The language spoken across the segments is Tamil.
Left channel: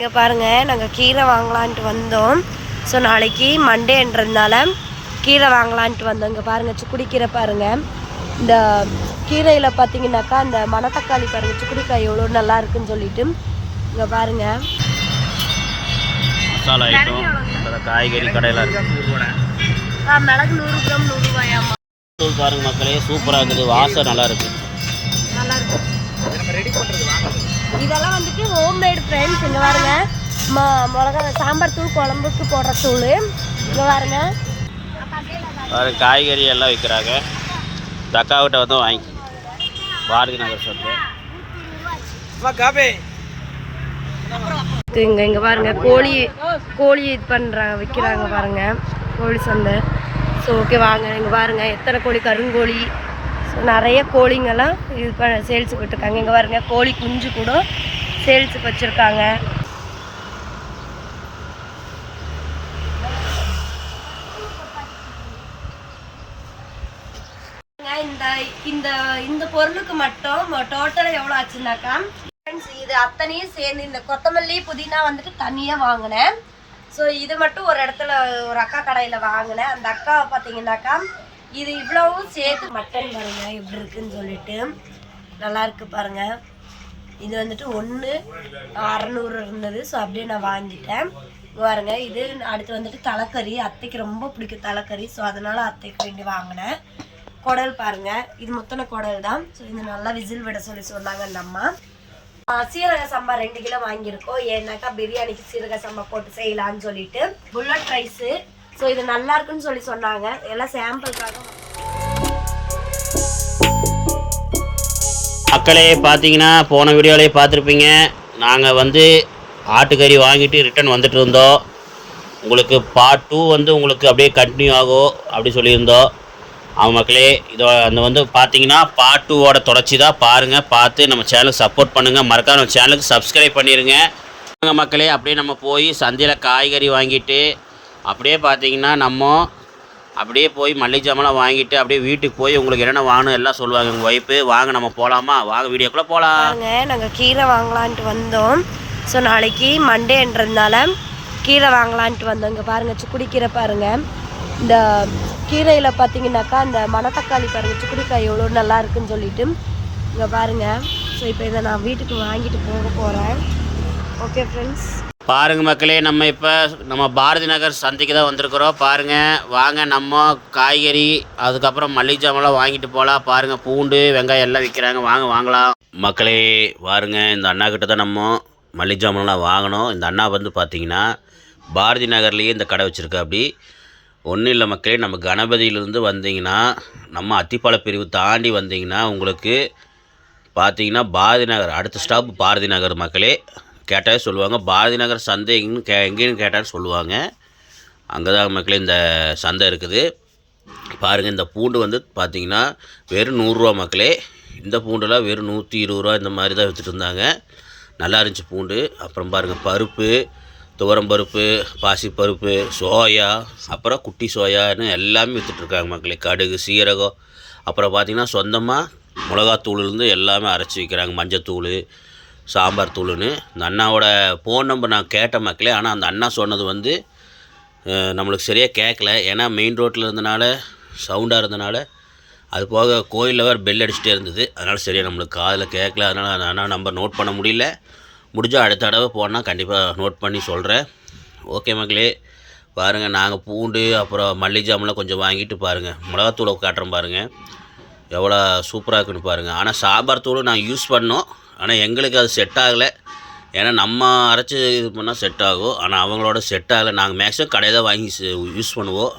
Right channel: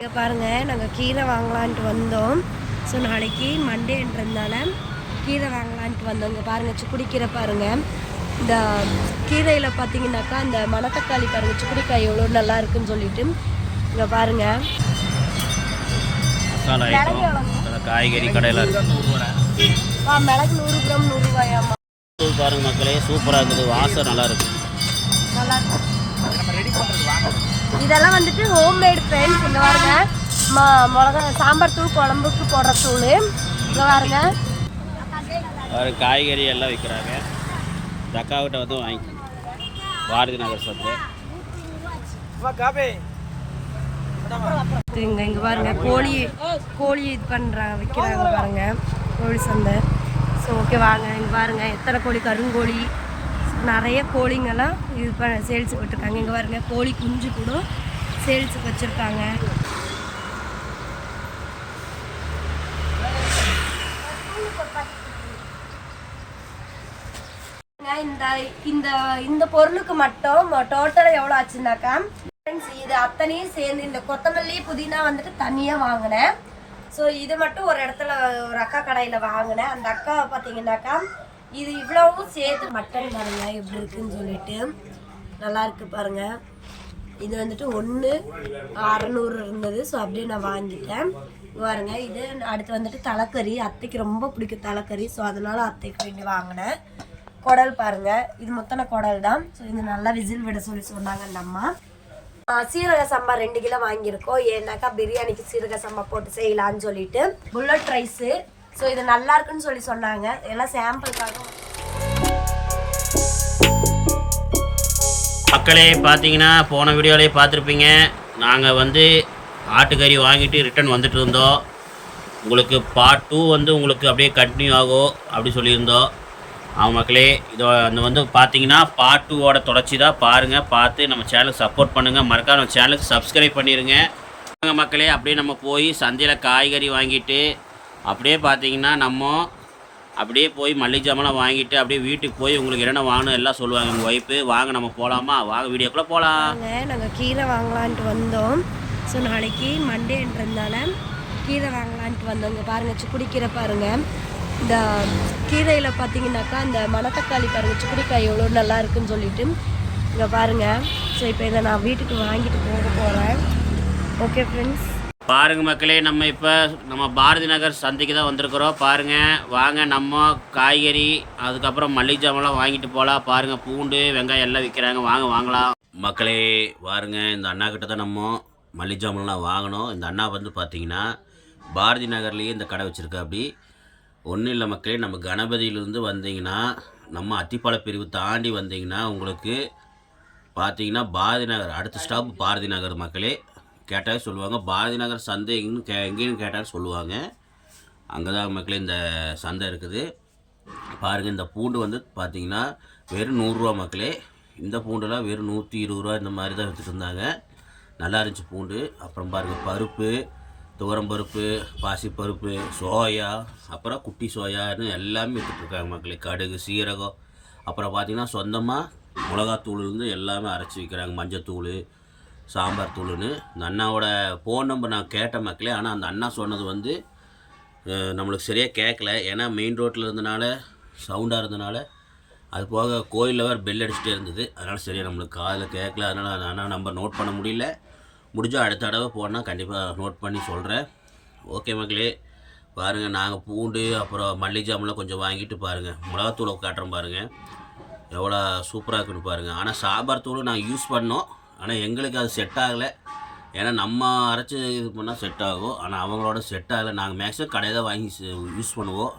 இங்கே பாருங்கள் நாங்கள் கீரை வாங்கலான்ட்டு வந்தோம். ஸோ நாளைக்கு மண்டேன்றதுனால கீரை வாங்கலான்ட்டு வந்தோம். இங்கே பாருங்கள் சுக்குடி கீரை பாருங்கள் இந்த கீரையில் பார்த்தீங்கன்னாக்கா இந்த மணத்தக்காளி பாருங்கள் சுக்குடிக்காய் எவ்வளோ நல்லா இருக்குன்னு சொல்லிட்டு. இங்கே பாருங்கள் மசாலா ஐட்டம் காய்கறி கடையில் இருக்கு. பாருங்க மக்களே சூப்பராக இருக்குது. வாசம் நல்லா இருக்கு. நல்லா இருக்கும் இதெல்லாம் வந்துட்டு ஹோம்மேட் ஃப்ரெண்ட்ஸ் இங்கே பாருங்க. ம மிளகா சாம்பார் தூள் குழம்புக்கு போடுற தூள். இங்கே பாருங்க. பாருங்க காய்கறி எல்லாம் விற்கிறாங்க தக்காவிட்ட வந்து வாங்கி. பாரதி நகர் சந்தை இங்கே இங்கே பாருங்க கோழி கோழி இது பண்ணுறாங்க விற்கிறாங்க பாருங்க. கோழி சந்தை. ஸோ ஓகே வாங்க. இங்கே பாருங்க எத்தனை கோழி? கருங்கோழி. ஸோ நிறைய கோழிங்கெல்லாம் இது பண்ண சேல்ஸுக்கு விட்டுருக்காங்க. இங்கே பாருங்க கோழி குஞ்சு கூட சேல்ஸுக்கு வச்சுருக்காங்க. இந்த இந்த இந்த பொருளுக்கு மட்டும் டோட்டலாக எவ்வளோ ஆச்சுனாக்கா? ஃப்ரெண்ட்ஸ் இது அத்தனையும் சேர்ந்து இந்த கொத்தமல்லி புதினா வந்துட்டு தனியாக வாங்கினேன். ஸோ இது மட்டும் ஒரு இடத்துல ஒரு அக்கா கடையில் வாங்கினேன். அந்த அக்கா பார்த்தீங்கன்னாக்கா இது இவ்வளவும் சேர்த்து மட்டன் பாருங்க எப்படி இருக்குன்னு சொல்லிட்டு. நல்லா இருக்கு பாருங்கள் இது வந்துட்டு ஒன்று அறநூறு இருந்தது. ஸோ அப்படியே நான் வாங்கிட்டேன். பாருங்க இது அடுத்து வந்துட்டு தலைக்கறி. அத்தைக்கு ரொம்ப பிடிக்கும் தலைக்கறி. ஸோ அதனால அத்தைக்கு வேண்டி வாங்கினேன். குடல் பாருங்க இது முத்தனை குடல் தான். ஸோ இது நல்லா விசில் விட சொல்லி சொன்னாங்க அந்த அம்மா. சீரக சம்பா ரெண்டு கிலோ வாங்கியிருக்கோம். ஏன்னாக்கா பிரியாணிக்கு சீரக சம்பா போட்டு செய்யலான்னு சொல்லிட்டு. புல்லட் ரைஸு ஸோ இது நல்லா இருக்குன்னு சொல்லி சொன்னாங்க. எல்லாம் சாம்பிளுக்காக மக்களே பார்த்தீங்கன்னா போன வீடியோலேயே பார்த்துருப்பீங்க நாங்கள் வந்து ஆட்டுக்கறி வாங்கிட்டு ரிட்டன் வந்துட்டு இருந்தோம் உங்களுக்கு பார்ட் டூ வந்து உங்களுக்கு அப்படியே கண்டினியூ ஆகும் அப்படி சொல்லியிருந்தோம். ஆமாம் மக்களே இதோ அந்த வந்து பார்த்தீங்கன்னா பார்ட் டூவோட தொடர்ச்சி தான். பாருங்கள் பார்த்து நம்ம சேனலுக்கு சப்போர்ட் பண்ணுங்கள் மறக்காம நம்ம சேனலுக்கு சப்ஸ்கிரைப் பண்ணிடுங்க மக்களே அப்படியே நம்ம போய் சந்தையில் காய்கறி வாங்கிட்டு அப்படியே பார்த்தீங்கன்னா நம்ம அப்படியே போய் மல்லிகை ஜாமான் வாங்கிட்டு அப்படியே வீட்டுக்கு போய் உங்களுக்கு என்னென்ன வாங்கணும் எல்லாம் சொல்லுவாங்க. உங்கள் ஒய்ஃபு வாங்க நம்ம போகலாமா வாங்க வீடியோக்குள்ளே போகலாம் நாங்கள் கீரை வாங்கலான்ட்டு வந்தோம். ஸோ நாளைக்கு மண்டேன்றதுனால கீரை வாங்கலான்ட்டு வந்தோம். இங்கே பாருங்கள் சுக்குடி கீரை பாருங்கள் இந்த கீரையில் பார்த்தீங்கன்னாக்கா இந்த மணத்தக்காளி பாருங்கள் சுக்குடிக்காய் எவ்வளோ நல்லா இருக்குன்னு சொல்லிட்டு. இங்கே பாருங்கள் ஸோ இப்போ இதை நான் வீட்டுக்கு வாங்கிட்டு போக போகிறேன் ஓகே ஃப்ரெண்ட்ஸ் பாருங்க மக்களே நம்ம இப்போ நம்ம பாரதி நகர் சந்தைக்கு தான் வந்திருக்கிறோம். பாருங்கள் வாங்க நம்ம காய்கறி அதுக்கப்புறம் மல்லிகை ஜாமான்லாம் வாங்கிட்டு போகலாம் பாருங்கள் பூண்டு வெங்காயம் எல்லாம் விற்கிறாங்க வாங்க வாங்கலாம். மக்களே பாருங்க இந்த அண்ணா கிட்ட தான் நம்ம மல்லிகை ஜாமான்லாம் வாங்கினோம். இந்த அண்ணா வந்து பார்த்தீங்கன்னா பாரதி நகர்லேயே இந்த கடை வச்சுருக்கா அப்படி ஒன்றும் இல்லை மக்களே நம்ம கணபதியிலேருந்து வந்தீங்கன்னா நம்ம அத்திப்பால பிரிவு தாண்டி வந்தீங்கன்னா உங்களுக்கு பார்த்தீங்கன்னா பாரதி நகர் அடுத்த ஸ்டாப் பாரதி நகர் மக்களே. கேட்டாலே சொல்லுவாங்க. பாரதி நகர் சந்தை எங்கன்னு கே எங்கேன்னு கேட்டாலும் சொல்லுவாங்க. அங்கே தான் மக்களே இந்த சந்தை இருக்குது. பாருங்கள் இந்த பூண்டு வந்து பார்த்தீங்கன்னா வெறும் நூறுரூவா மக்களே. இந்த பூண்டுலாம் வெறும் நூற்றி இருபது ரூபா இந்த மாதிரி தான் விற்றுட்டு இருந்தாங்க. நல்லா இருந்துச்சு பூண்டு. அப்புறம் பாருங்கள் பருப்பு துவரம் பருப்பு பாசிப்பருப்பு சோயா அப்புறம் குட்டி சோயான்னு எல்லாமே விற்றுட்ருக்காங்க மக்களே. கடுகு சீரகம். அப்புறம் பார்த்திங்கன்னா சொந்தமாக மிளகாத்தூள்லேருந்து எல்லாமே அரைச்சி விற்கிறாங்க மஞ்சத்தூள் சாம்பார் தூளுன்னு. இந்த அண்ணாவோட ஃபோன் நம்பர் நான் கேட்ட மக்களே ஆனால் அந்த அண்ணா சொன்னது வந்து நம்மளுக்கு சரியாக கேட்கல ஏன்னா மெயின் ரோட்டில் இருந்தனால சவுண்டாக இருந்தனால அது போக கோயிலில் வேறு பெல் அடிச்சுட்டே இருந்தது. அதனால் சரியாக நம்மளுக்கு காதில் கேட்கல அதனால் அந்த அண்ணா நம்பர் நோட் பண்ண முடியல. முடிஞ்சால் அடுத்த தடவை போனால் கண்டிப்பாக நோட் பண்ணி சொல்கிறேன் ஓகே மக்களே பாருங்கள் நாங்கள் பூண்டு அப்புறம் மல்லி ஜாமெலாம் கொஞ்சம் வாங்கிட்டு பாருங்கள் மிளகாத்தூளை காட்டுறோம் பாருங்கள் எவ்வளோ சூப்பராக இருக்குன்னு பாருங்கள் ஆனால் சாம்பார் தூள் நான் யூஸ் பண்ணோம். ஆனால் எங்களுக்கு அது செட் ஆகலை. ஏன்னா நம்ம அரைச்சி இது பண்ணால் செட் ஆகும். ஆனால் அவங்களோட செட் ஆகலை. நாங்கள் மேக்ஸிமம் கடையை தான் வாங்கி யூஸ் பண்ணுவோம்.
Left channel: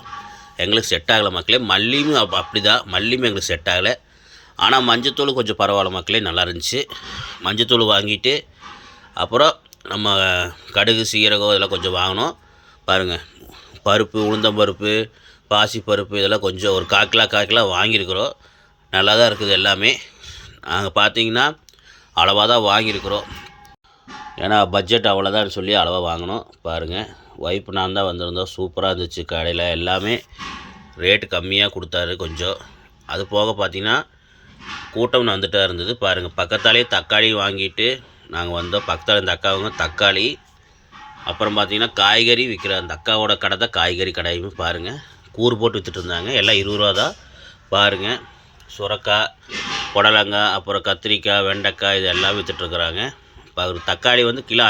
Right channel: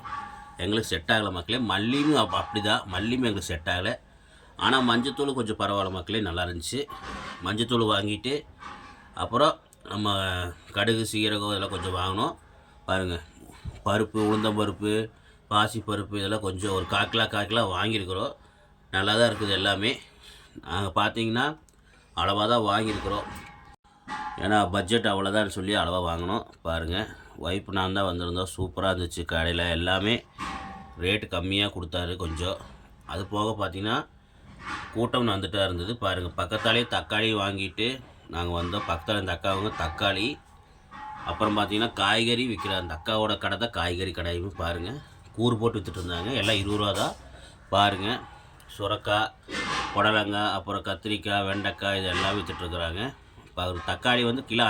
எங்களுக்கு செட் ஆகலை மக்களே. மல்லியும் அப் அப்படி தான் மல்லியும் எங்களுக்கு செட் ஆகலை. ஆனால் மஞ்சத்தூள் கொஞ்சம் பரவாயில்ல மக்களே. நல்லா இருந்துச்சு. மஞ்சத்தூள் வாங்கிட்டு அப்புறம் நம்ம கடுகு சீரகம் இதெல்லாம் கொஞ்சம் வாங்கினோம். பாருங்கள் பருப்பு உளுந்தம்பருப்பு பாசி பருப்பு இதெல்லாம் கொஞ்சம் ஒரு கால் கிலோ கிலோ வாங்கியிருக்கிறோம். நல்லா தான் இருக்குது எல்லாமே. நாங்கள் பார்த்தீங்கன்னா அளவாக தான் வாங்கியிருக்கிறோம். ஏன்னா பட்ஜெட் அவ்வளோதான் சொல்லி அளவாக வாங்கினோம். பாருங்கள் ஒய்ஃப் நான் தான் வந்திருந்தோம். சூப்பராக இருந்துச்சு கடையில். எல்லாமே ரேட்டு கம்மியாக கொடுத்தாரு கொஞ்சம். அது போக பார்த்தீங்கன்னா கூட்டம் வந்துட்டா இருந்தது. பாருங்கள் பக்கத்தாலே தக்காளி வாங்கிட்டு நாங்கள் வந்தோம். பக்கத்தால் இந்த அக்காவுங்க தக்காளி அப்புறம் பார்த்தீங்கன்னா காய்கறி விற்கிற அந்த அக்காவோட கடை தான் காய்கறி கடையுமே பாருங்கள் கூறு போட்டு வித்துட்டு இருந்தாங்க. எல்லாம் இருபது ரூபா தான். பாருங்கள் சுரக்காய் புடலங்காய் அப்புறம் கத்திரிக்காய் வெண்டைக்காய் இது எல்லாம் விற்றுட்ருக்குறாங்க இப்போ ஒரு தக்காளி வந்து கிலோ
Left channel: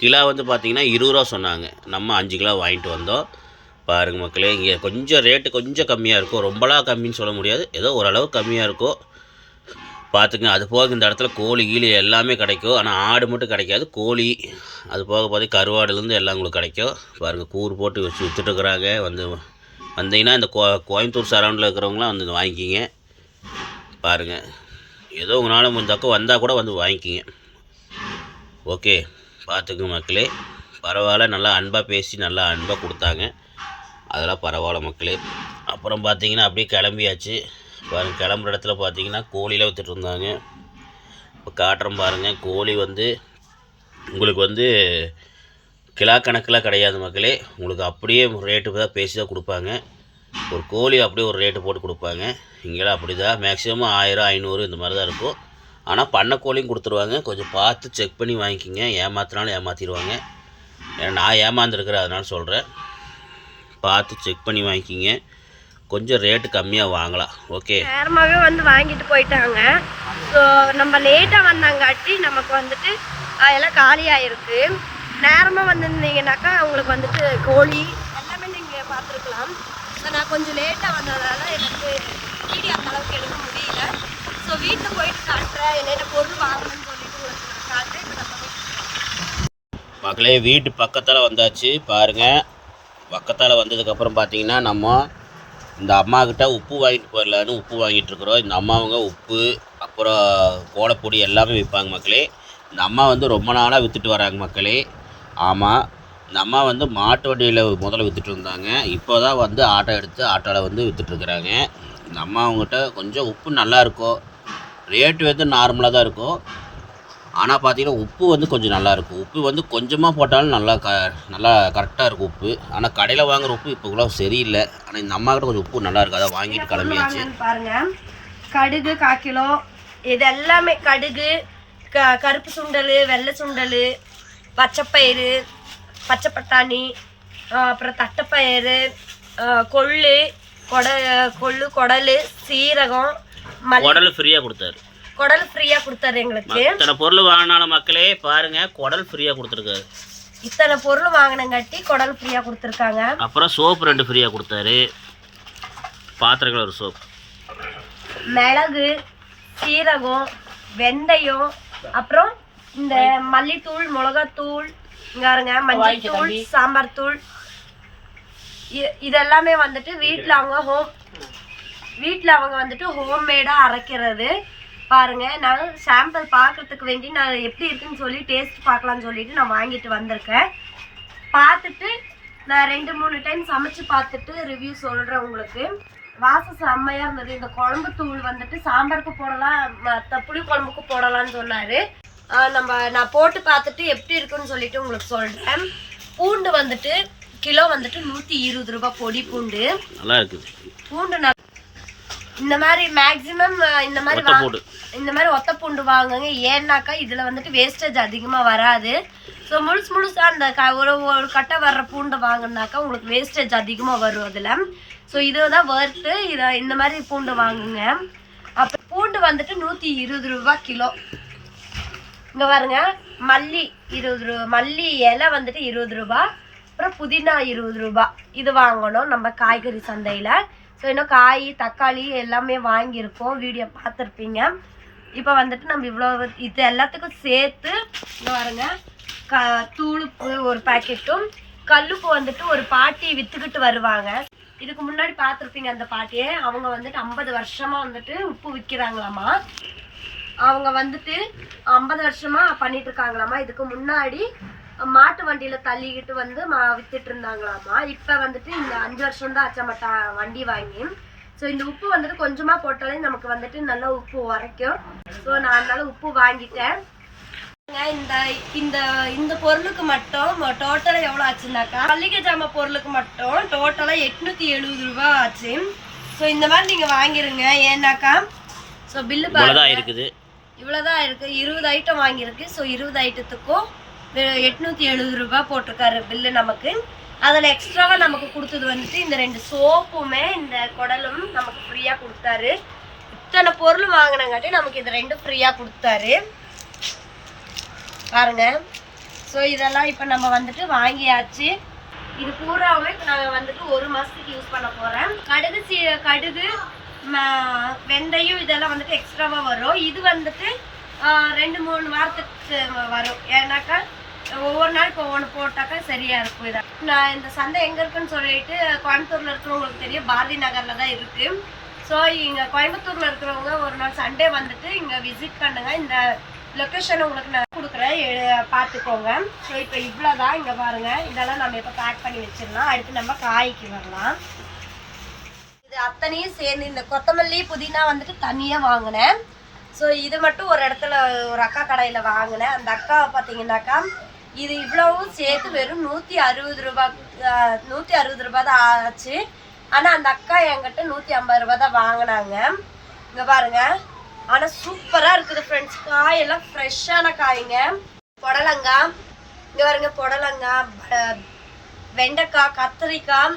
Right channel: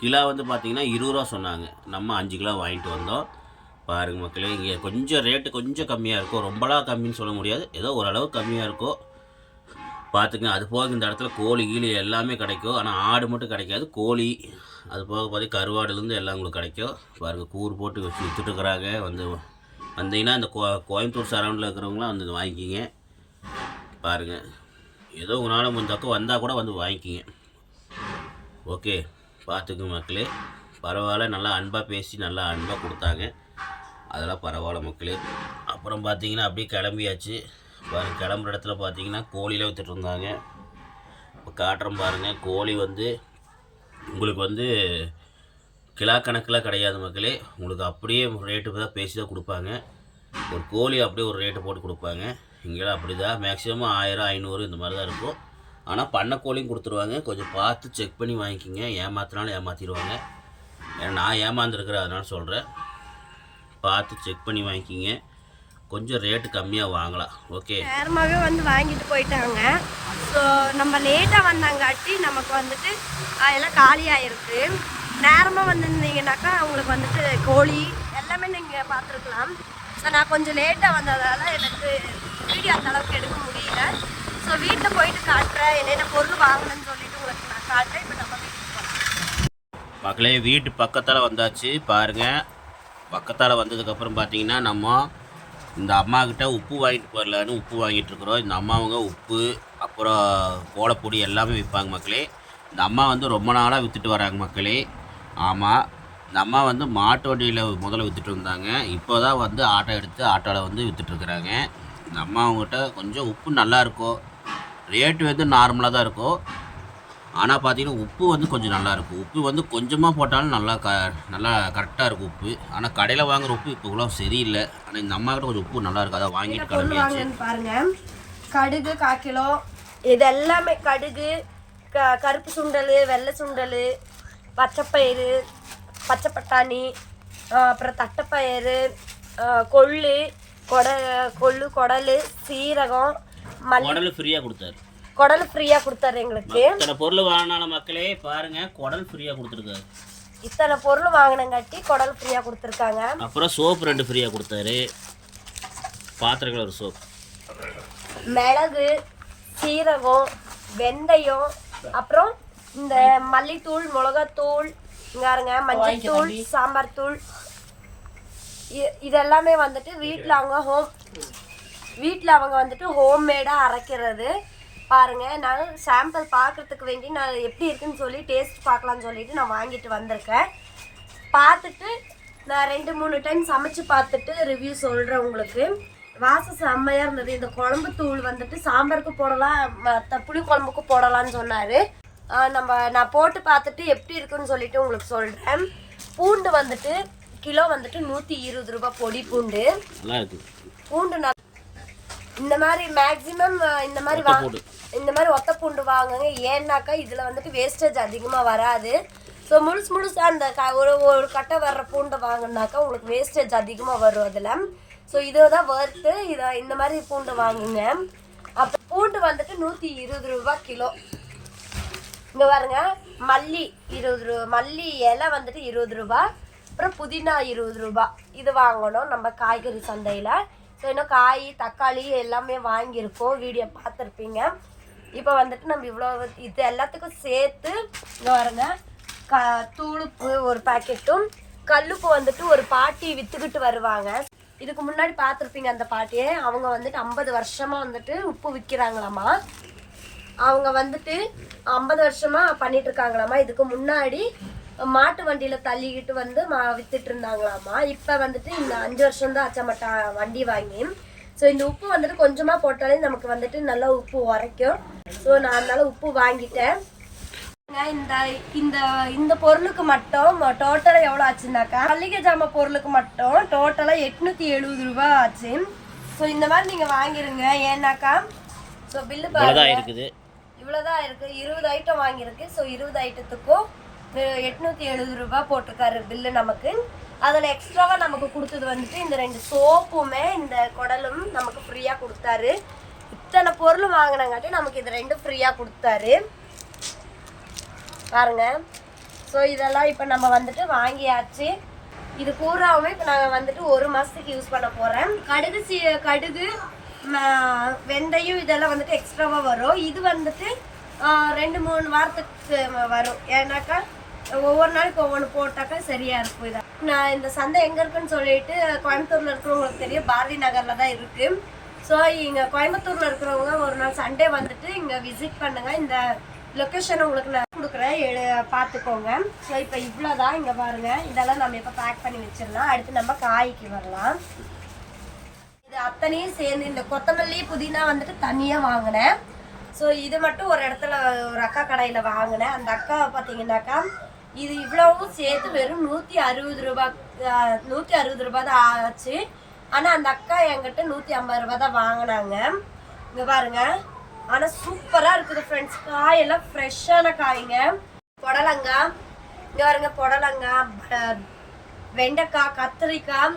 கிலோ வந்து பார்த்திங்கன்னா இருபது ரூபா சொன்னாங்க. நம்ம அஞ்சு கிலோ வாங்கிட்டு வந்தோம். பாருங்கள் மக்களே இங்கே கொஞ்சம் ரேட்டு கொஞ்சம் கம்மியாக இருக்கும் ரொம்பலாம் கம்மின்னு சொல்ல முடியாது. ஏதோ ஓரளவு கம்மியாக இருக்கும் பார்த்துங்க அது போக இந்த இடத்துல கோழி கீழி எல்லாமே கிடைக்கும். ஆனால் ஆடு மட்டும் கிடைக்காது கோழி அது போக பார்த்து கருவாடுலேருந்து எல்லாம் உங்களுக்கு கிடைக்கும். பாருங்கள் கூறு போட்டு வச்சு விற்றுட்டுருக்குறாங்க வந்து வந்தீங்கன்னா இந்த கோ கோயம்புத்தூர் சரௌண்டில் இருக்கிறவங்களாம் வந்து வாங்கிக்கிங்க. பாருங்கள் ஏதோ உங்களால் முடிஞ்சாக்கோ வந்தால் கூட வந்து வாங்கிக்கிங்க. ஓகே பார்த்துக்குங்க மக்களே. பரவாயில்ல நல்லா அன்பாக பேசி நல்லா அன்பாக கொடுத்தாங்க. அதெல்லாம் பரவாயில்ல மக்களே. அப்புறம் பார்த்தீங்கன்னா அப்படியே கிளம்பியாச்சு. பாருங்க கிளம்புற இடத்துல பார்த்தீங்கன்னா கோழிலாம் வித்துட்டு இருந்தாங்க. இப்போ காட்டுறோம் பாருங்கள் கோழி வந்து உங்களுக்கு வந்து கிலா கணக்கில் கிடையாது மக்களே. உங்களுக்கு அப்படியே ரேட்டு தான் பேசி தான் கொடுப்பாங்க. ஒரு கோழி அப்படியே ஒரு ரேட்டு போட்டு கொடுப்பாங்க. இங்கெல்லாம் அப்படி தான் மேக்ஸிமம் ஆயிரம் ஐநூறு இந்த மாதிரி தான் இருக்கும் ஆனால் பண்ணக்கோழியும் கொடுத்துருவாங்க. கொஞ்சம் பார்த்து செக் பண்ணி வாங்கிக்கிங்க. ஏமாத்தினாலும் ஏமாற்றிடுவாங்க ஏன்னா நான் ஏமாந்துருக்கிறேன் அதனால சொல்கிறேன் பார்த்து செக் பண்ணி வாங்கிக்கிங்க. கொஞ்சம் ரேட்டு கம்மியாக வாங்கலாம். ஓகே நேரமாகவே வந்து வாங்கிட்டு போயிட்டாங்க. ஸோ நம்ம லேட்டாக வந்தாங்காட்டி நமக்கு வந்துட்டு எல்லாம் எல்லாம் இருக்குது நேரமாக வந்திருந்தீங்கன்னாக்கா உங்களுக்கு வந்துட்டு கோழி எல்லாமே நீங்கள் பார்த்துருக்கலாம். ஸோ நான் கொஞ்சம் லேட்டாக வந்ததால் எனக்கு வீடியோ அந்த அளவுக்கு எடுக்க முடியல. ஸோ வீட்டில் போயிட்டு காட்டுறேன். என்னென்ன பொருள் வாங்கணும்னு சொல்லிட்டு உங்களுக்கு நான் காட்டுறேன். இப்போ நம்ம வீட்டுக்கு மக்களே வீட்டு பக்கத்தில் வந்தாச்சு. பாருங்கள் பக்கத்தால் வந்ததுக்கப்புறம் பார்த்தீங்கன்னா நம்ம இந்த அம்மாக்கிட்ட உப்பு வாங்கிட்டு போயிடலான்னு உப்பு வாங்கிட்டுருக்குறோம் இந்த அம்மாவங்க உப்பு அப்புறம் கோலப்பொடி எல்லாமே விற்பாங்க மக்களே. இந்த அம்மா வந்து ரொம்ப நாளாக விற்றுட்டு வராங்க மக்களே. ஆமாம் இந்த அம்மா வந்து மாட்டு வண்டியில் முதல்ல விற்றுட்டு இருந்தாங்க இப்போ தான் வந்து ஆட்டோ எடுத்து ஆட்டோவில் வந்து விற்றுட்ருக்குறாங்க இந்த அம்மா அவங்ககிட்ட கொஞ்சம் உப்பு நல்லா இருக்கும் ரேட்டு வந்து நார்மலாக தான் இருக்கும் ஆனால் பார்த்தீங்கன்னா உப்பு வந்து கொஞ்சம் நல்லா இருக்கும் உப்பு வந்து கொஞ்சமாக போட்டாலும் நல்லா க நல்லா கரெக்டாக இருக்கும் உப்பு. ஆனால் கடையில் வாங்குற உப்பு இப்போ கூட சரியில்லை. ஆனால் இந்த அம்மா கிட்ட கொஞ்சம் உப்பு நல்லா இருக்கு. அதான் வாங்கிட்டு கிளம்பியாச்சு. வாங்கன்னு பாருங்க. கடுகு கால் கிலோ. இது எல்லாமே கடுகு க கருப்பு சுண்டல் வெள்ளை சுண்டல் பச்சைப்பயிறு பச்சை பட்டாணி அப்புறம் தட்டைப்பயிறு கொள்ளு கொட கொள்ளு குடல் சீரகம் குடல் ஃப்ரீயாக கொடுத்தாரு. குடல் ஃப்ரீயாக கொடுத்தாரு எங்களுக்கு. இத்தனை பொருள் வாங்கினாலும் மக்களே பாருங்கள் குடல் ஃப்ரீயாக கொடுத்துருக்காரு. இத்தனை பொருள் வாங்கினங்காட்டி குடல் ஃப்ரீயாக கொடுத்துருக்காங்க. அப்புறம் சோப்பு ரெண்டு ஃப்ரீயாக கொடுத்தாரு. பாத்திரங்கள் ஒரு சோப் மிளகு சீரகம் வெந்தயம் அப்புறம் இந்த மல்லித்தூள். மிளகாத்தூள் இங்க பாருங்க மஞ்சள் தூள் சாம்பார் தூள் இதெல்லாமே வந்துட்டு வீட்டில் அவங்க ஹோம் வீட்டில் அவங்க வந்துட்டு ஹோம்மேடாக அரைக்கிறது. பாருங்க நான் சாம்பிள் பார்க்கறதுக்கு வேண்டி நான் எப்படி இருக்குன்னு சொல்லி டேஸ்ட் பார்க்கலாம்னு சொல்லிட்டு நான் வாங்கிட்டு வந்திருக்கேன். பார்த்துட்டு நான் ரெண்டு மூணு டைம் சமைச்சு பார்த்துட்டு ரிவ்யூ சொல்கிறேன் உங்களுக்கு. வாசம் செம்மையாக இருந்தது. இந்த குழம்பு தூள் வந்துட்டு சாம்பாருக்கு போடலாம் மற்ற புளி குழம்புக்கு போடலாம்னு சொன்னார். நம்ம நான் போட்டு பார்த்துட்டு எப்படி இருக்குன்னு சொல்லிட்டு உங்களுக்கு சொல்கிறேன் பூண்டு வந்துட்டு கிலோ வந்துட்டு நூற்றி இருபது ரூபாய் பொடி பூண்டு. நல்லா இருக்குது பூண்டு நான் இந்த மாதிரி மேக்ஸிமம் இந்த மாதிரி. இந்த மாதிரி ஒத்த பூண்டு வாங்குங்க. ஏன்னாக்கா இதுல வந்துட்டு வேஸ்டேஜ் அதிகமா வராது. ஸோ முழுசு முழுசா அந்த க ஒரு ஒரு கட்டை வர்ற பூண்டை வாங்கினாக்கா உங்களுக்கு வேஸ்டேஜ் அதிகமா வரும் அதுல. ஸோ இதுதான் வறுத்து இதை இந்த மாதிரி பூண்டு வாங்குங்க. அப்போ பூண்டு வந்துட்டு நூற்றி இருபது ரூபாய் கிலோ. இங்க பாருங்க. மல்லி இருபது ரூபா மல்லி இலை வந்துட்டு இருபது ரூபா அப்புறம் புதினா இருபது ரூபா. இது வாங்கணும் நம்ம காய்கறி சந்தையில். ஸோ இன்னும் காய் தக்காளி எல்லாமே வாங்கியிருக்கோம். வீடியோ பார்த்துருப்பீங்க. இப்போ வந்துட்டு நம்ம இவ்வளோ இது எல்லாத்துக்கும் சேர்த்து பாருங்க க தூளுப்பு ஒரு பாக்கெட்டும் கல்லுப்பு வந்துட்டு ஒரு பாட்டி விற்றுக்கிட்டு வருவாங்க. இதுக்கு முன்னாடி பார்த்துருப்பீங்க அந்த பாட்டியை. அவங்க வந்துட்டு ஐம்பது வருஷமாக வந்துட்டு உப்பு விற்கிறாங்களாமா அவங்க வந்துட்டு ஐம்பது வருஷமாக பண்ணிட்டு இதுக்கு முன்னாடி மாட்டு வண்டியில தள்ளிக்கிட்டு வந்து மா- வித்துட்டு இருந்தாங்களாமா. இப்ப வந்துட்டு இந்த அஞ்சு வருஷம் தான் ஆச்சாமட்டா வண்டி வாங்கி. ஸோ இந்த உப்பு வந்துட்டு கொஞ்சமா போட்டாலே நமக்கு வந்துட்டு நல்லா உப்பு உரைக்கும். ஸோ நான் அதனால உப்பு வாங்கிட்டேன். இந்த இந்த இந்த பொருளுக்கு மட்டும் டோட்டலா எவ்வளோ ஆச்சுனாக்கா? மல்லிகை ஜாமான் பொருளுக்கு மட்டும் டோட்டலா எட்நூத்தி எழுபது ரூபாய் ஆச்சு. ஸோ இந்த மாதிரி நீங்க வாங்கிருங்க. ஏன்னாக்கா? ஸோ பில்லு இருக்குது. இவ்வளோதான் இருக்கு. இருபது ஐட்டம் வாங்கியிருக்கு. ஸோ இருபது ஐட்டத்துக்கும் எட்நூத்தி எழுபது ரூபாய் போட்டிருக்காரு பில்லு நமக்கு. அதில் எக்ஸ்ட்ராவாக நமக்கு கொடுத்தது வந்துட்டு இந்த ரெண்டு சோப்புமே இந்த குடலும் நமக்கு ஃப்ரீயாக கொடுத்தாரு. இத்தனை பொருள் வாங்கினங்காட்டி நமக்கு இது ரெண்டும் ஃப்ரீயாக கொடுத்தாரு. பாருங்க. ஸோ இதெல்லாம் இப்போ நம்ம வந்துட்டு வாங்கியாச்சு. இது பூராவுமே இப்போ நான் வந்துட்டு ஒரு மாதத்துக்கு யூஸ் பண்ண போகிறேன் கடுகு சி கடுகு வெந்தயம் இதெல்லாம் வந்துட்டு எக்ஸ்ட்ராவாக வரும். இது வந்துட்டு ரெண்டு மூணு வாரத்துக்கு வரும். ஏன்னாக்கா ஒவ்வொரு நாளைக்கு ஒவ்வொன்று போட்டாக்கா சரியாக இருக்கும் இதை நான் இந்த சந்தை எங்கே இருக்குன்னு சொல்லிட்டு கோயம்புத்தூரில் இருக்கிறவங்களுக்கு தெரியும். பாரதி நகரில் தான் இருக்குது ஸோ இங்கே கோயம்புத்தூரில் இருக்கிறவங்க ஒரு நாள் சண்டே வந்துட்டு இங்கே விசிட் பண்ணுங்க. இந்த லொக்கேஷன் உங்களுக்கு நான் கொடுக்குறேன். பார்த்துக்கோங்க. ஸோ இப்போ இவ்வளோ தான் இங்கே பாருங்கள் இதெல்லாம் நம்ம இப்போ பேக் பண்ணி வச்சிடலாம். அடுத்து நம்ம காய்க்கு வரலாம். இது அத்தனையும் சேர்ந்து இந்த கொத்தமல்லி புதினா வந்துட்டு தனியாக வாங்கினேன். ஸோ இது மட்டும் ஒரு இடத்துல ஒரு அக்கா கடையில் வாங்கினேன். அந்த அக்கா பார்த்தீங்கன்னாக்கா இது இவ்வளவும் சேர்த்து வெறும் நூற்றி அறுபது ரூபாய் நூற்றி அறுபது ரூபா தான் ஆச்சு. ஆனால் அந்த அக்கா என்கிட்ட நூற்றி ஐம்பது ரூபா தான் வாங்கினாங்க. இங்கே பாருங்க. ஆனால் சூப்பராக இருக்குது ஃப்ரெண்ட்ஸ் காயெல்லாம் ஃப்ரெஷ்ஷான காய்ங்க. புடலங்காய் இங்கே பாருங்க புடலங்காய் வெண்டைக்காய் கத்திரிக்காய்.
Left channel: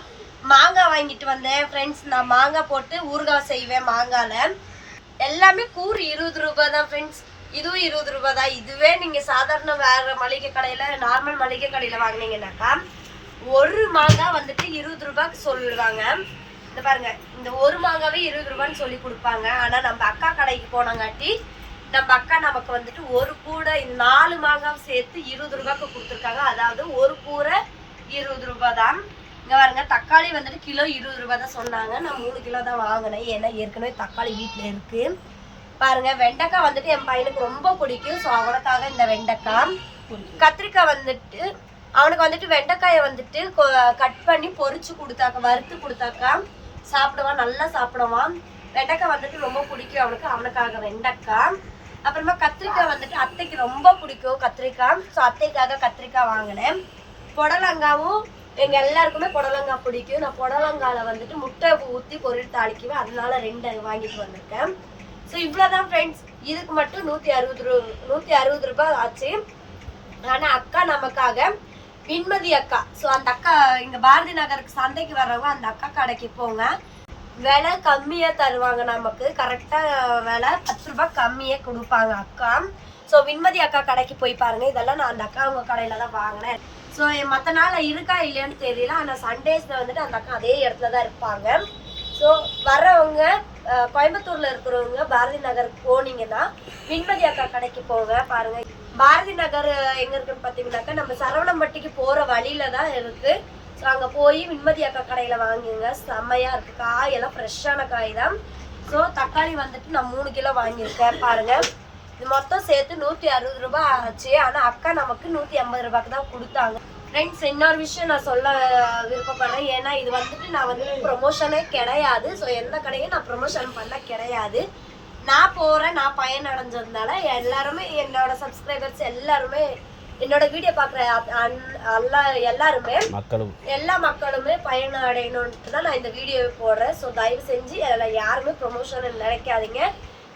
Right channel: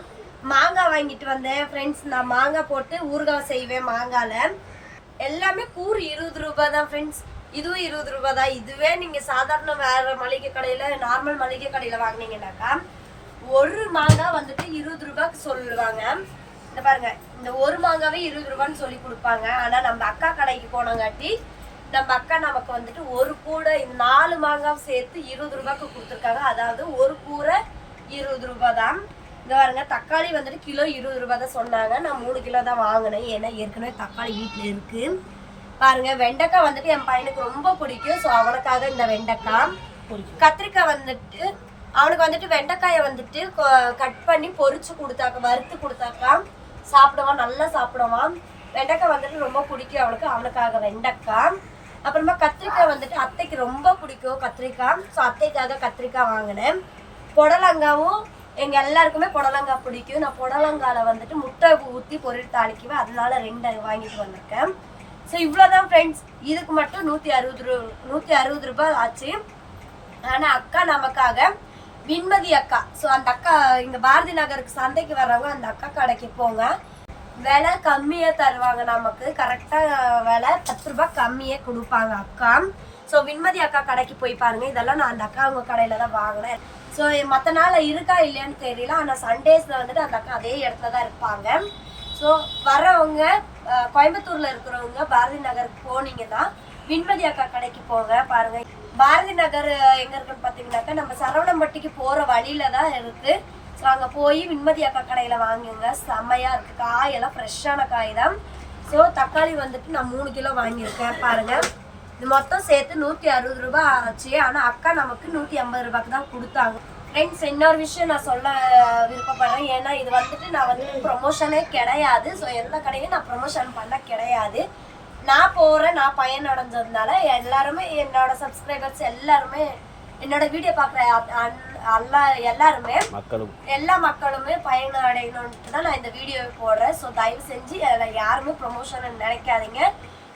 மாங்காய் வாங்கிட்டு வந்தேன் ஃப்ரெண்ட்ஸ் நான் மாங்காய் போட்டு ஊறுகாய் செய்வேன் மாங்காயில். எல்லாமே கூறு இருபது ரூபாய் தான் ஃப்ரெண்ட்ஸ் இதுவும் இருபது ரூபாய் தான். இதுவே நீங்கள் சாதாரண வேறு மளிகை கடையில் நார்மல் மளிகை கடையில் வாங்குனீங்கன்னாக்கா ஒரு மாங்காய் வந்துட்டு இருபது ரூபாய்க்கு சொல்லுவாங்க. இந்த பாருங்க இந்த ஒரு மாங்காவே இருபது ரூபான்னு சொல்லி கொடுப்பாங்க. ஆனால் நம்ம அக்கா கடைக்கு போனங்காட்டி நம்ம அக்கா நமக்கு வந்துட்டு ஒரு கூடை இந்த நாலு மாங்காய் சேர்த்து இருபது ரூபாய்க்கு கொடுத்துருக்காங்க. அதாவது ஒரு கூரை இருபது ரூபாய் தான். இங்க பாருங்க தக்காளி வந்துட்டு கிலோ இருபது ரூபாய் தான் சொன்னாங்க. நான் மூணு கிலோ தான் வாங்கினேன். ஏன்னா ஏற்கனவே தக்காளி வீட்டில் இருக்கு. பாருங்க வெண்டைக்காய் வந்துட்டு என் பையனுக்கு ரொம்ப பிடிக்கும். ஸோ அவனுக்காக இந்த வெண்டைக்காய். கத்திரிக்காய் வந்துட்டு அவனுக்கு வந்துட்டு வெண்டைக்காயை வந்துட்டு கட் பண்ணி பொறிச்சு கொடுத்தாக்க வறுத்து கொடுத்தாக்கா சாப்பிடுவான் நல்லா சாப்பிடுவான். வெண்டைக்காய் வந்துட்டு ரொம்ப பிடிக்கும் அவனுக்கு. அவனுக்காக வெண்டைக்காய். அப்புறமா கத்திரிக்காய் வந்துட்டு அத்தைக்கு ரொம்ப பிடிக்கும் கத்திரிக்காய். ஸோ அத்தைக்காக கத்திரிக்காய் வாங்கினேன். புடலங்காவும் எங்கள் எல்லாருக்குமே புடலங்காய் பிடிக்கும். நான் புடலங்காவில் வந்துட்டு முட்டை ஊற்றி பொருள் தாளிக்குவேன். அதனால ரெண்டு வாங்கிட்டு வந்திருக்கேன். ஸோ இவ்வளோதான் ஃப்ரெண்ட்ஸ் இதுக்கு மட்டும் நூற்றி அறுபது ரூ நூற்றி அறுபது ரூபாய் ஆச்சு. ஆனால் அக்கா நமக்காக விண்மதி அக்கா. ஸோ அந்த அக்கா இங்கே பாரதி நகருக்கு சந்தைக்கு வர்றவங்க அந்த அக்கா கடைக்கு போங்க. விலை கம்மியாக தருவாங்க நமக்கு. கரெக்டாக விலை பத்து ரூபாய் கம்மியாக கொடுப்பாங்க அக்கா. ஸோ விண்மதி அக்கா கடைக்கு போய் பாருங்க. இதெல்லாம் நான் அந்த அக்கா அவங்க கடையில் தான் வாங்கினேன். ஸோ மற்ற நாளில் இருக்கா இல்லையான்னு தெரியல. ஆனால் சண்டேஸில் வந்துட்டு அந்த அக்கா அதே இடத்துல தான் இருப்பாங்க. ஸோ வர்றவங்க கோயம்புத்தூர்ல இருக்கிறவங்க பாரதி நகருக்கு போனீங்கன்னா விண்மதி அக்கா கடைக்கு போங்க பாருங்க. பாரதி நகர் எங்க இருக்குன்னு பாத்தீங்கன்னாக்கா நம்ம சரவணம்பட்டிக்கு போற வழியில தான் இருக்கு. ஸோ அங்க போய் விண்மதி அக்கா கடையில வாங்குங்க. செம்மையா இருக்கு. காயெல்லாம் ஃப்ரெஷ்ஷான காய் தான். ஸோ தக்காளி வந்துட்டு நான் மூணு கிலோ வாங்கியிருக்கேன் பாருங்க. இது மொத்தம் சேர்த்து நூற்றி அறுபது ரூபாய் ஆச்சு. ஆனால் அக்கா நமக்கு நூற்றி ஐம்பது ரூபாய்க்கு தான் கொடுத்தாங்க. ஃப்ரெண்ட்ஸ் இன்னொரு விஷயம் நான் சொல்ல விருப்பப்படுறேன். ஏன்னா இது வந்துட்டு நான் வந்து ப்ரொமோஷனே கிடையாது. ஸோ எந்த கடையும் நான் ப்ரொமோஷன் பண்ண கிடையாது. நான் போகிறேன் நான் பயன் அடைஞ்சதுனால எல்லாருமே என்னோட சப்ஸ்கிரைபர்ஸ் எல்லாருமே என்னோட வீடியோ பார்க்குற எல்லா எல்லாருமே எல்லா மக்களுமே பயணம் அடையணும்ட்டு தான் நான் இந்த வீடியோவை போடுறேன். ஸோ தயவு செஞ்சு அதில் யாருமே ப்ரொமோஷன் நினைக்காதீங்க.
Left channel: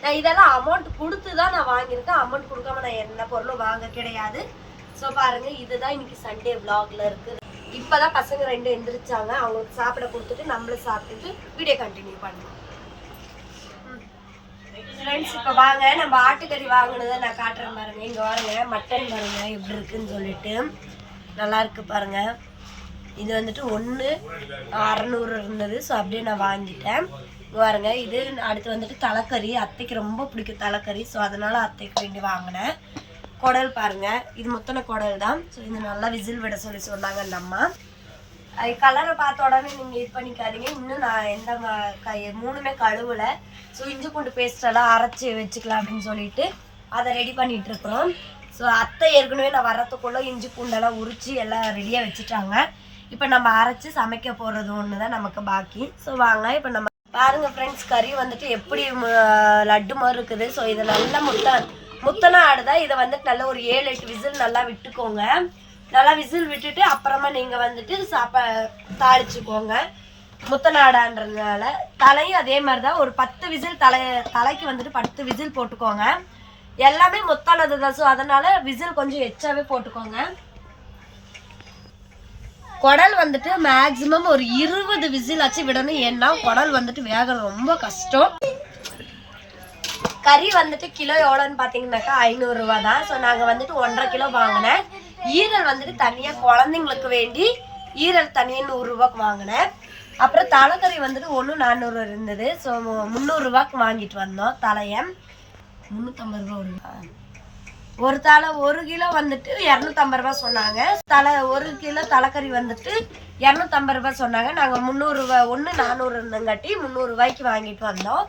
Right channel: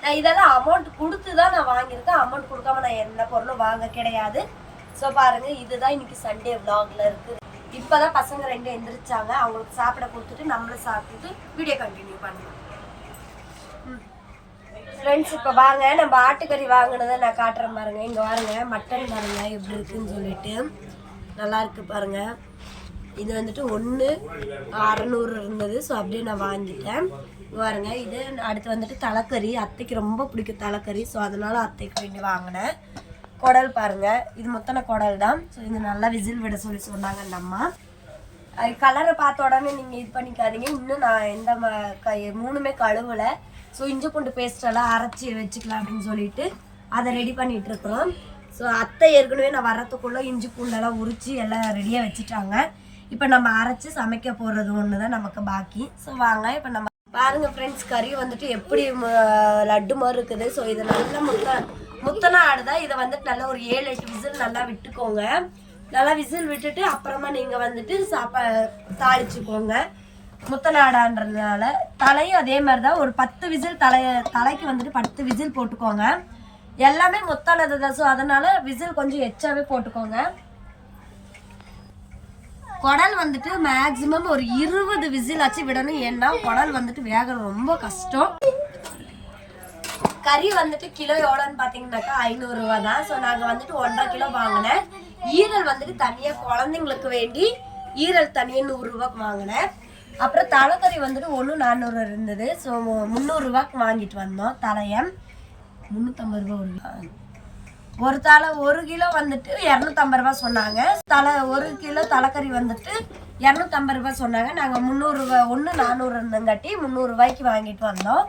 நான் இதெல்லாம் அமௌண்ட் கொடுத்து தான் நான் வாங்கியிருக்கேன். அமௌண்ட் கொடுக்காம நான் எந்த பொருளும் வாங்க கிடையாது. ஸோ பாருங்க இதுதான் இன்னைக்கு சண்டே vlogல இருக்குது. இப்போதான் பசங்க ரெண்டு எந்திரிச்சாங்க. அவங்களுக்கு சாப்பிட கொடுத்துட்டு நம்மளும் சாப்பிட்டுட்டு வீடியோ கண்டினியூ பண்ணலாம். ஃப்ரெண்ட்ஸ் இப்போ வாங்க. நம்ம ஆட்டுக்கறி வாங்கினதை நான் காட்டுறேன் பாருங்க. இங்கே பாருங்க மட்டன் பாருங்க எப்படி இருக்குன்னு சொல்லிட்டு. நல்லா இருக்கு பாருங்க. இது வந்துட்டு ஒன்று அறநூறு இருந்தது. ஸோ அப்படியே நான் வாங்கிட்டேன். பாருங்க இது அடுத்து வந்துட்டு தலைக்கறி. அத்தைக்கு ரொம்ப பிடிக்கும் தலைக்கறி. ஸோ அதனால அத்தைக்கு வேண்டி வாங்கினேன். குடல் பாருங்க. இது முத்தனை குடல் தான். ஸோ இது நல்லா விசில் விட சொல்லி சொன்னாங்க அந்த அம்மா. அது கலரை பார்த்த உடனே நீங்கள் இது பண்ணிக்காதீங்க. இன்னும் நான் எந்த க மூணுமே கழுவலை. ஸோ இஞ்சி பூண்டு பேஸ்ட் எல்லாம் அரைச்சி வச்சுக்கலாம் அப்படின்னு சொல்லிட்டு அதை ரெடி பண்ணிட்டு இருக்கிறோம். ஸோ அத்தை ஏற்கனவே நான் வரத்துக்குள்ளே இஞ்சி பூண்டெல்லாம் உரிச்சு எல்லாம் ரெடியாக வச்சுட்டாங்க. இப்போ நம்ம அரைச்சி சமைக்க போடுறது ஒன்று தான் நமக்கு பாக்கி. ஸோ வாங்க இப்போ நம்ம பாருங்கள் ஃப்ரெண்ட்ஸ் கறி வந்துட்டு எப்படி லட்டு மாதிரி இருக்குது. ஸோ இது நல்லா முட்டை. முத்தனை ஆடுதான் இதை வந்துட்டு நல்லா ஒரு ஏழு எட்டு விசில் நல்லா விட்டுக்கோங்க. நல்லா விசில் விட்டுட்டு அப்புறமா நீங்கள் வந்துட்டு சாப்பா தாளிச்சுக்கோங்க. முத்தநாடான்றதுனால தலையும் அதே மாதிரி தான் ஒரு பத்து விசில் தலை தலைக்கு வந்துட்டு பத்து விசில் போட்டுக்கோங்க. எல்லாமே முத்தானது தான். ஸோ அதனால விசில் கொஞ்சம் எச்சாவே போட்டுக்கோங்க. குடல் வந்துட்டு மேக்ஸிமம் ஒரு இருபது விசில் ஆச்சு விடணும். ஏன்னா குடல் வந்துட்டு வேக ரொம்ப கஷ்டம். கறி வந்துட்டு கிலோ எவ்வளோன்னு பார்த்தீங்கன்னாக்கா ஐநூறுரூவா தான். ஸோ நாங்கள் வந்துட்டு ஒன்றரை கிலோ வாங்கினேன். ஈரல் வந்துட்டு தனியாக குழந்தைங்களுக்கு வேண்டி ஈரல் தனியாக நூறுரூவாக்கு வாங்கினேன். அப்புறம் தலைக்கறி வந்துட்டு ஒன்று நானூறு இருந்தது. ஸோ முந்நூறுரூவாக்கு வாங்கிட்டு வந்தோம் தலையை. முந்நூற்றம்பது ரூபா ஒரு ஒரு தலை ஒரு கிலோ வந்துட்டு இரநூத்தம்பது ரூபா சொன்னாங்க. தலை ஒரு கிலோ தலைக்கறி வந்துட்டு இரநூத்தம்பது ரூபா சொன்னாங்க. நாங்கள் முந்நூறுரூவா ஒன்று நானூறு இருந்தங்காட்டி முந்நூறுரூவாய்க்கு வாங்கிட்டு வந்தோம்.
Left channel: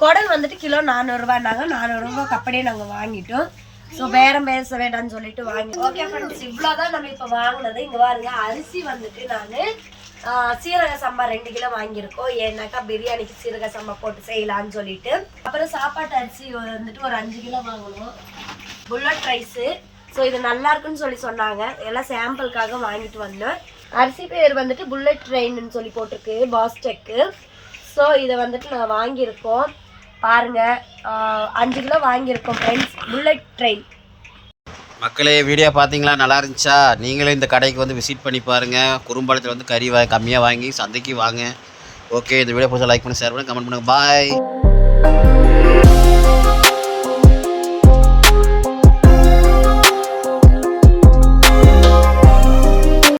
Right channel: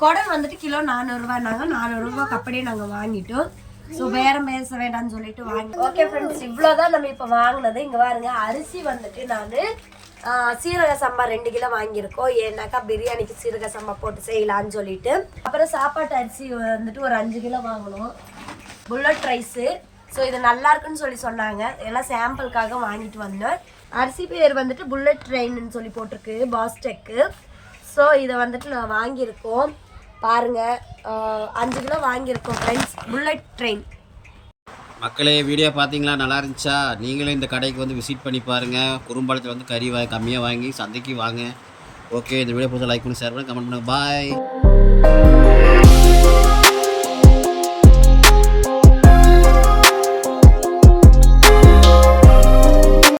குடல் வந்துட்டு கிலோ நானூறுரூவானாங்க நானூறுரூவாக்கு அப்படியே நாங்கள் வாங்கிட்டோம். ஸோ பேரம் பேச வேண்டாம்னு சொல்லிட்டு வாங்கி ஓகே ஃப்ரெண்ட்ஸ் இவ்வளோதான் நம்ம இப்போ வாங்கினது. இங்கே பாருங்க அரிசி வந்துட்டு நான் சீரக சம்பா ரெண்டு கிலோ வாங்கியிருக்கோம். ஏன்னாக்கா பிரியாணிக்கு சீரக சம்பா போட்டு செய்யலாம்னு சொல்லிட்டு. அப்புறம் சாப்பாட்டு அரிசி வந்துட்டு ஒரு அஞ்சு கிலோ வாங்கணும் புல்லட் ரைஸு ஸோ இது நல்லா இருக்குன்னு சொல்லி சொன்னாங்க. எல்லாம் சாம்பிளுக்காக வாங்கிட்டு வந்தோம். அரிசி பேர் வந்துட்டு புல்லட் ட்ரெயின்னு சொல்லி போட்டிருக்கு பாஸ்டெக்கு ஸோ இதை வந்துட்டு நான் வாங்கியிருக்கோம். பாருங்கள் அஞ்சு கிலோ வாங்கியிருக்கோம் ஃப்ரெண்ட்ஸ் புல்லட் ட்ரெயின் மக்களே வீடியோ பார்த்தீங்களா? நல்லா இருந்துச்சா? நீங்களும் இந்த கடைக்கு வந்து விசிட் பண்ணி பாருங்கள் குறும்பாலத்தில் வந்து கறி வாங்கி கம்மியாக வாங்கி சந்தைக்கு வாங்க. ஓகே இந்த வீடியோ பிடிச்சா லைக் பண்ணி ஷேர் பண்ணி கமெண்ட் பண்ணுங்கள் பாய்